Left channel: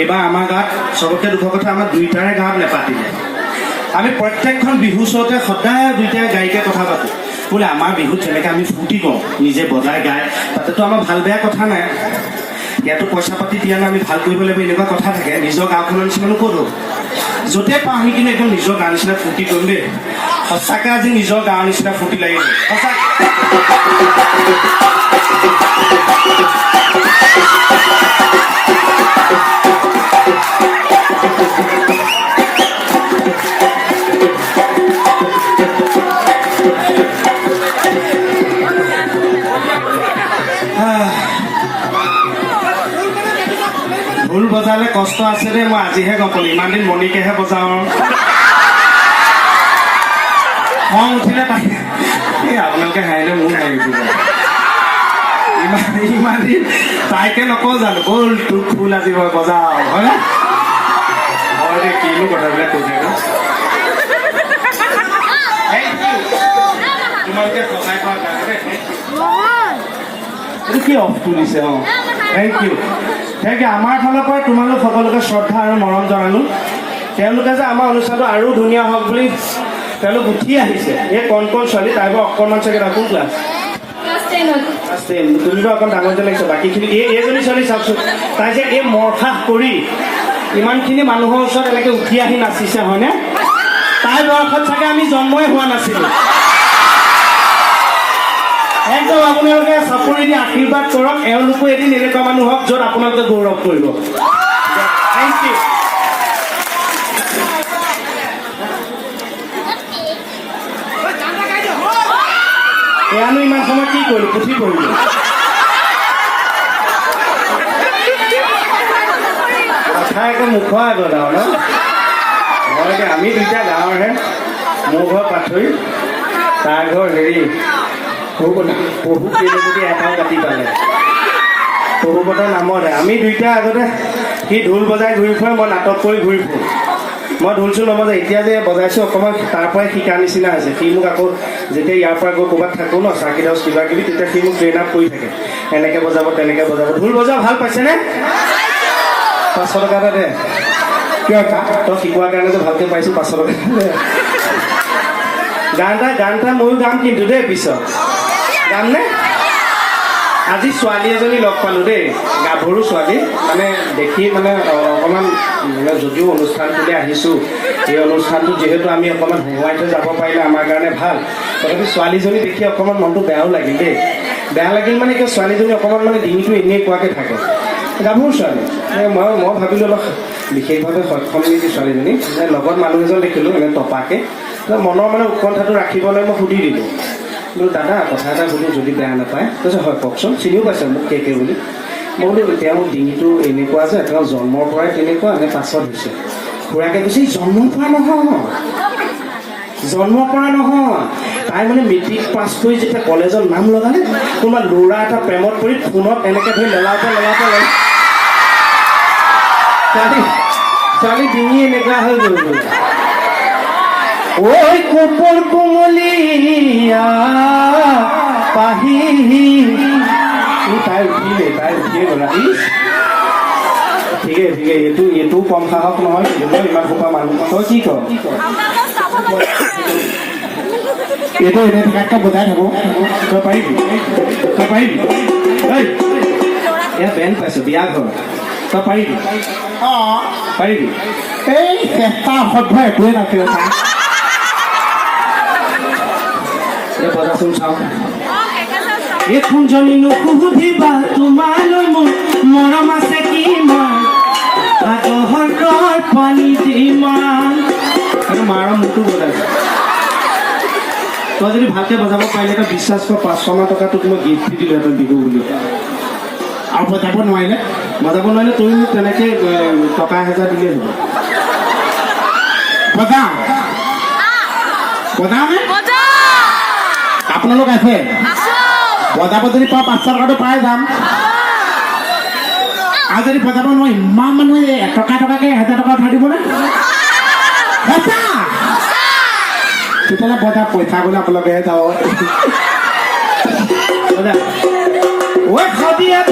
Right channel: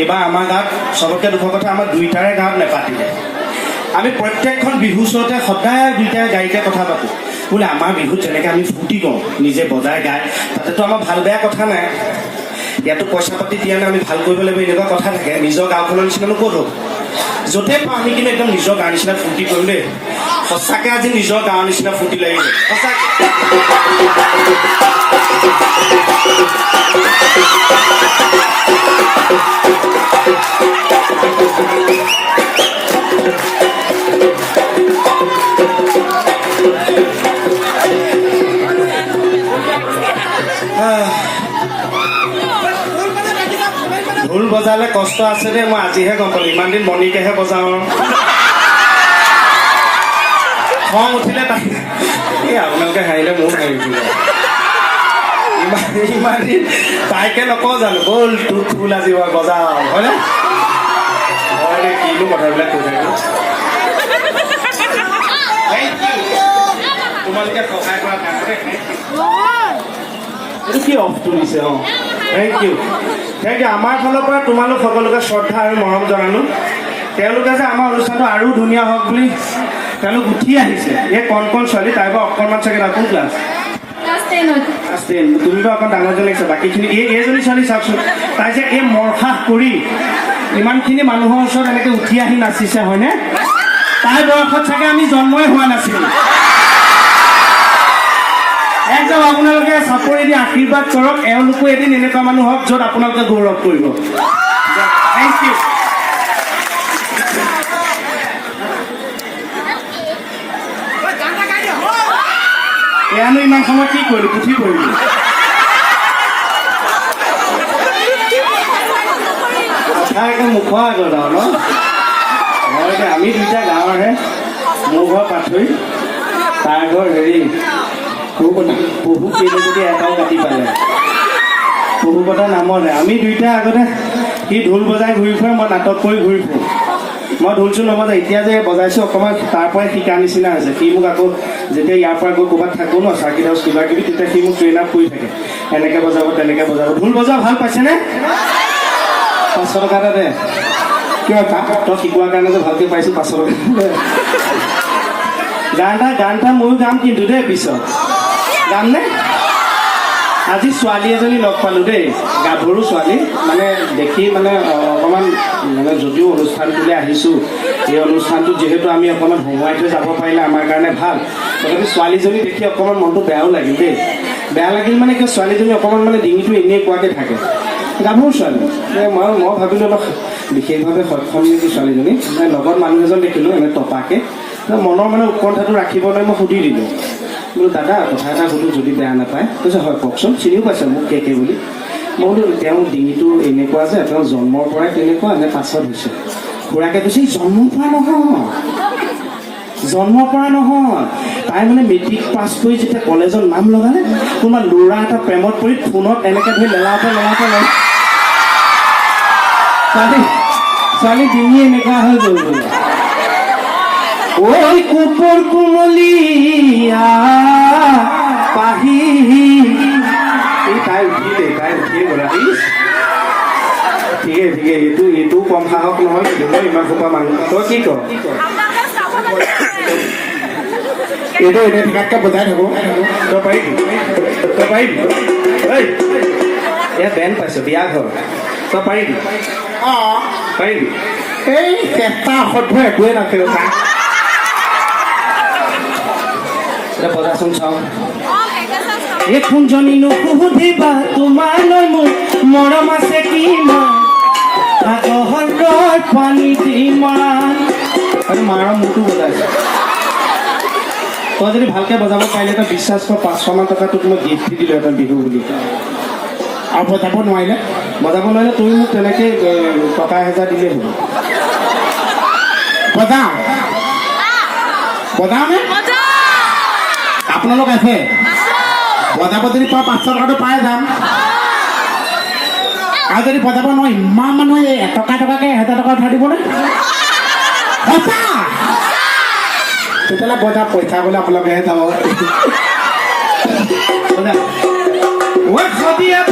এইবাৰ আমাৰ গাঁৱত চবতকৈ দুখৰ কথা আমাৰ দুইটাৰে গাঁৱত নেপাতিলে আমি প্ৰত্যেকখন বিহু ওচৰতে সদায় দুইটাই গাড়ীতে কথা পাতোঁ বোলে আমাৰ বিহুত যেনেকৈ আমি ফূৰ্তি কৰোঁ নিজে বজাই গায় তাতেতো আমাৰ ভাল বেয়া কথা নাই ইয়াতো পইচা পাতি দিয়া নাই আমি ভাল কৰিব লাগিব এনেকুৱা কথা থাকে নিজৰ গাঁওখনৰ নিচিনানো ক'ত হ'ব য'তে পাওঁ আমি কিন্তু একদম নিজৰ গাঁৱৰ নিচিনা ফূৰ্তি কৰিম দেই সঁচাকৈ আজি নিজৰ গাঁৱৰ নিচিনা ফূৰ্তি লাগিব সঁচাকৈ ঢোল বজালে কষ্ট আছে দেই মই আজিহে গম পালোঁ ইমান দিন মণিকেহে বজাওঁ খং উঠিলে তাই এই আপোনালোকে হাঁহিলে মোৰ হাঁহি উঠিব ইমান দিন তাইকে নকওঁ জানো ব'ল তোৰ ঢোল আজি মই বজাওঁ হয়নে হয় দে কিনো কথাবিলাক কৈ থাকোঁ তোমালোকে সহায় কৰা কাৰণে এইটো কি অফটো দিছে অঁ থেংক ইউ আমাৰ ফালৰ পৰা তোমালোক সকলোকে শ্ৰদ্ধা আৰু মৰম জনালোঁ তেওঁলোকে যে আমাৰ অনুষ্ঠানটো আৰু ধুনীয়া হওক বুলি তেওঁলোক উঠি আহিছে এই কণ ছোৱালী তাই বাৰু অকণমান চাগে কোন ক্লাছ তুমি বাৰু অকণ ডাঙৰ যেন লাগিছে বাকীখিনি এইজনী ছোৱালী চাওকচোন তাই যে এই মৰফাস কৰি ইমানখিনি মানুহৰ ওচৰত এনেকৈ উঠি আহি নাচিছে হয়নে তাইৰ বয়সত চাগে আমি জন্মই হোৱা নাছিলোঁ একদম আপোনালোকে চাপৰি দি আশীৰ্বাদ কৰক এওঁলোকো এদিন এনেকুৱা মানুহ হওক য'ত আপোনালোকে গৌৰৱ কৰিব থেংক ইউ এয়ানো ইমান সময় কি কৰিলো পুথি কৰিলো কথা একদম মুখৰ আগত আৰু ন আমি দুইটা গাঁৱৰহে মোৰ ঘৰ পাথৰি তাৰ ঘৰ হেৰি প্ৰভু কেইজনী এটাও কাটি পালে প্ৰভুপতৰ নামতে আমি দুইটা আগতে সি ঢোল বজাই ঘূৰি ফুৰে মই নাটক কৰি ঘূৰি ফুৰোঁ মই ঢোল চোল নবজাই এতিয়া যে বজাইছোঁ অকণমান তাৰ পৰাই শিকাৰ নিচিনা হৈছে সি মোক আকৌ যেতিয়া ইয়াৰ পৰা গৈ ক'ৰবাত থাকোঁ ন চাৰ্কিট হাউচ কিবা কিবি তেতিয়া সি মোক ট্ৰেইন আপ কৰি থাকে এনেকৈ বজাব তেনেকৈ বজাব ঢোল বজাব ভাল পাইছেনে 500 টকা এটা দে কিয় তই শিকোৱাৰ কাৰণেতো ভালকৈ পাইছোঁ 500 টকা গান এটা ময়ো গাম কিন্তু দেই পিছত গাম নে আজি ছোৱালী এজনী লগ পালোঁ দেই গাভৰু ছোৱালী মানে দেখি মানে অকণমান মানে যদিও অনুষ্ঠানটোলৈ আহিছোঁ এই অনুষ্ঠানটোত যিহেতু আমি অকণমান হহুৱাই থৈ যাব পাৰিলে আমাৰ কাৰণে ভাল তথাপি ছোৱালীজনী দেখি অকণমান মনটো বেয়াও লাগিল দেই বেয়া লাগিল মানে কি ছোৱালীজনী অকণমান মানে ডিঙিটো এনেই পোৱাকৈ থাকে গাভৰু ছোৱালী মই ভাবিলোঁ অলপ বিশেষভাৱে সক্ষম নেকি ছোৱালীজনী মানে লগত মানুহ এজন দেখিলোঁ এনে টপাকৈ মনৰ মানে উৎকণ্ঠাটো ৰাখিবলৈ মই সুধি দিলোঁ বোলো দাদা কথা এটা সুধোঁ যদি বেয়া নাপায় কৈছে হয় কওকচোন চিনিও পাইছে মোক কে বুলি মই বোলো তেওঁৰ ডিঙিটো এনেকুৱা যে তেওঁ জন্মৰ পৰাই তেনেকুৱা নে পাছত হৈছে খুৰাকে কৈছে জন্মৰ পৰা নহয় তাই মানে মেট্ৰিক পাছ কৰি যেতিয়া কলেজত নাম লগালে কোনোবা ল'ৰা এটা প্ৰেমত পৰি ফোনত এনেকৈ ধৰি লেলাওতে ছোৱালী ডিঙি এনেকুৱা হৈ গ'ল ওই কোপর কুমলিয়া পাহি তাই উঠিলে গ'লা ঠিকে এইটো কম সাহস নহয় ইমান সোপা মানুহ তই কি কৰ এইটো এনেই ঠিকাকৈ বজাই থাকোঁ তই পাৰিবি এয়া বেন পাইছোঁ বিয়া ঘৰ তই পাৰিবি পাৰিবি এই চেষ্টা অসভ্য একোৱে নাছিল বজাচোন চাওঁ এই কোনজনী নুসুধিবা তোমালৈ মোৰ মৰম আছে কিমান আদহৰ পানী যিমান আৰু মাৰ মোকো বজাইছে তই যদি ভালকৈ বজাব পাৰিলে তই বিশ্বাস কৰ 500 মান টকা তোক মই গিফ্ট দি দিলোঁ এটা বিহু বুলি আৰু বজাব নোৱাৰিলে তই মোক তেনেকৈ টকা 1000 দিলেই হ'ব বজাওনে আপোনালোক আছে বজাব যদি পাওঁ 500 টকাটো পাই যাম আৰু যদি বজাব নোৱাৰো ইমান মানুহে টকাকৈ 1000 টকা উঠাই দিবনে তেতিয়াহ'লে বজাৰ পইচা বোলে আপোনালোকেহে যাব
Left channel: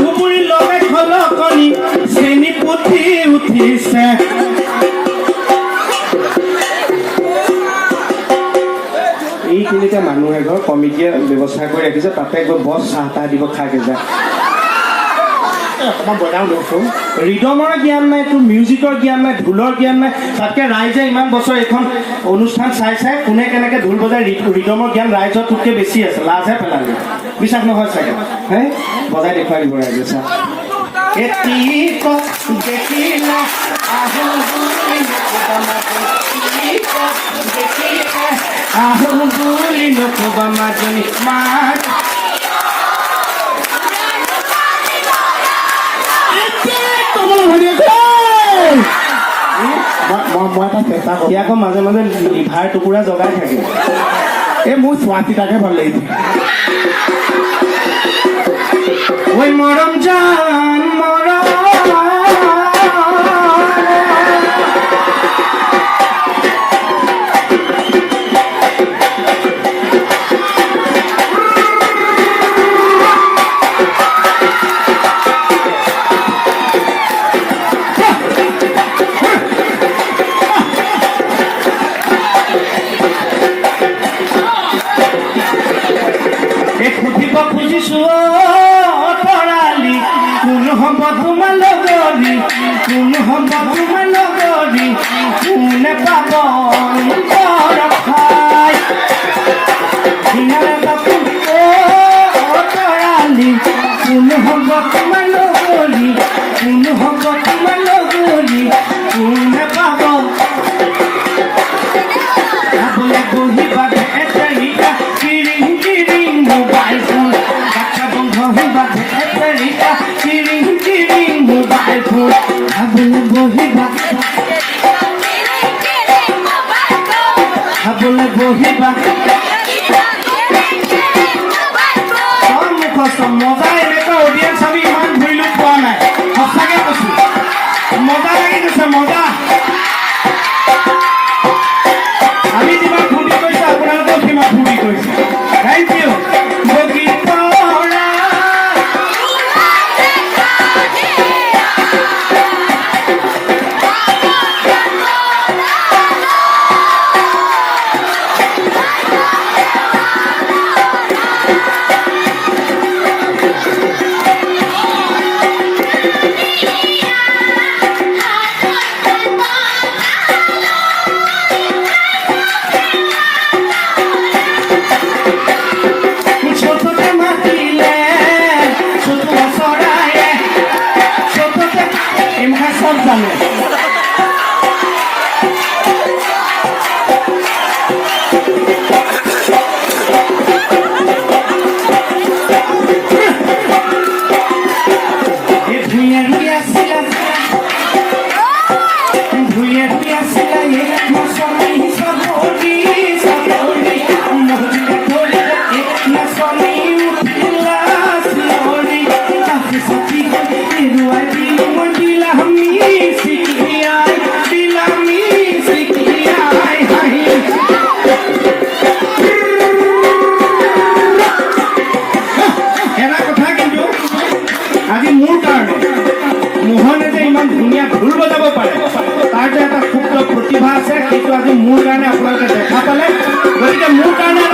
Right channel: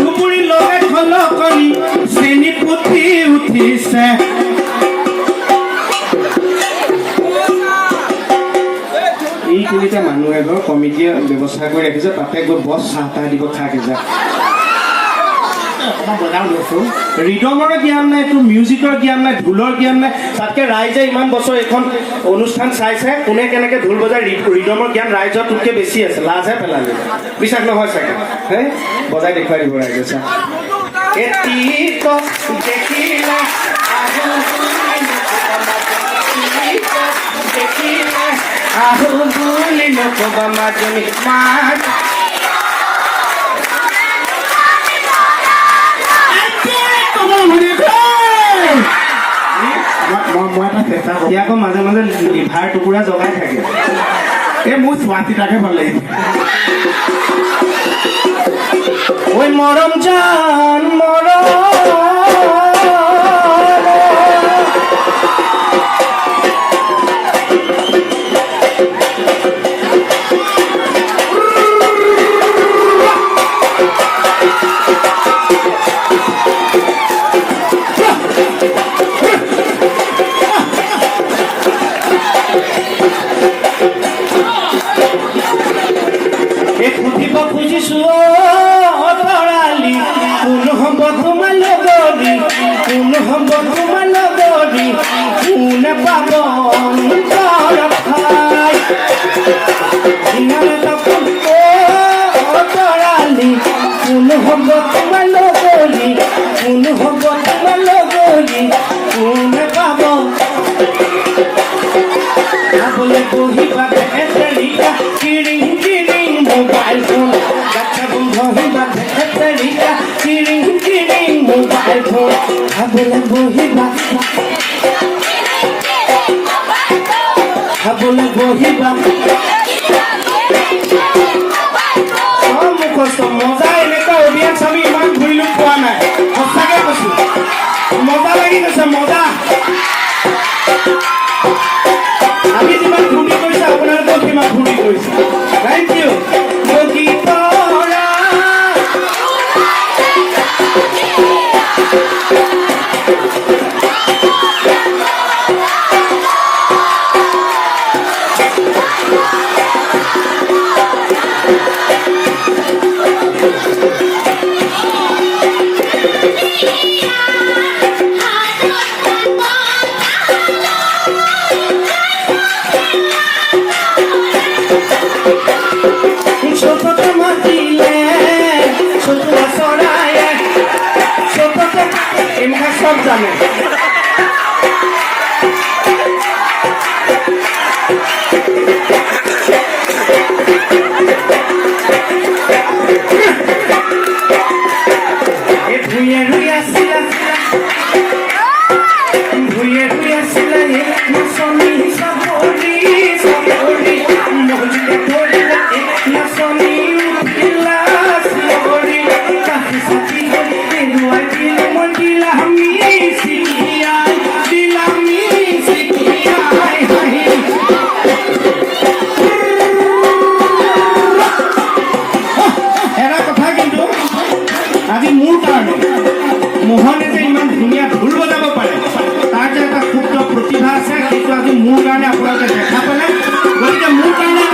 ধুবুৰী লগে খলকনি শ্ৰেণী পুথি উঠিছে এই তিনিটা মানুহ এঘৰ কমিটিয়ে ব্যৱস্থা কৰি ৰাখিছে তাতে গৈ বছ চাহ তাহ দিব খাকে যায় ৰিদমৰ জ্ঞান নাই তোৰ মিউজিকৰ জ্ঞান নাই ঢোলৰ জ্ঞান নাই তাতকে ৰাইজে ইমান বছৰ এখন অনুষ্ঠান চাইছে কোনে কেনেকে ঢোল বজাই ৰিদমৰ জ্ঞান ৰাইজৰ তোতকে বেছি আছে লাজহে পেলালে বিশ্বাস নহয় চাগে হে বজাই দেখুৱাই দিব ৰাইজে চা মই এটা চেষ্টা কৰোঁ আকৌ মাজে মাজে লিভাৰ টুকুৰা জগাই থাকে এই মোৰ ছোৱালীটাকে ভাল লাগিছে ঐ মৰম জান মৰম খুঁজিব খুজিছো তৰালি কোন হ'ব তোমাৰ লগৰী কোন হ'ব তোমাৰ লগৰী কোনে পাব ঠাই তৰালি কোন হ'ব তোমাৰ লগৰী কোন হ'ব তোমাৰ লগৰী কোনে পাব খাবলৈ বহিবা কিৰিং কিৰিং মোবাইল ফোন গাছা বহিবা কিৰিং কিৰিং মোবাইল ফোন খাবলৈ বহিবা মজা এনেকুৱা অডিয়েঞ্চ আমি ইমান ঘূৰিলো পোৱা নাই সঁচাকে কৈছো মজা লাগি গৈছে মজা আমি যিমান ফূৰ্তি কৰিছে আপোনালোকেও সিমান ফূৰ্তি কৰিছে থেংক ইউ মোহনে যে ইমান ধুনীয়া ঢোল বজাব পাৰে তাৰ যে এটা ক্ষুদ্ৰ প্ৰতিভা আছে সেইটো আজি মোৰ কাৰণে আপোনালোকে দেখা পালে গতিকে মোৰ কাৰণে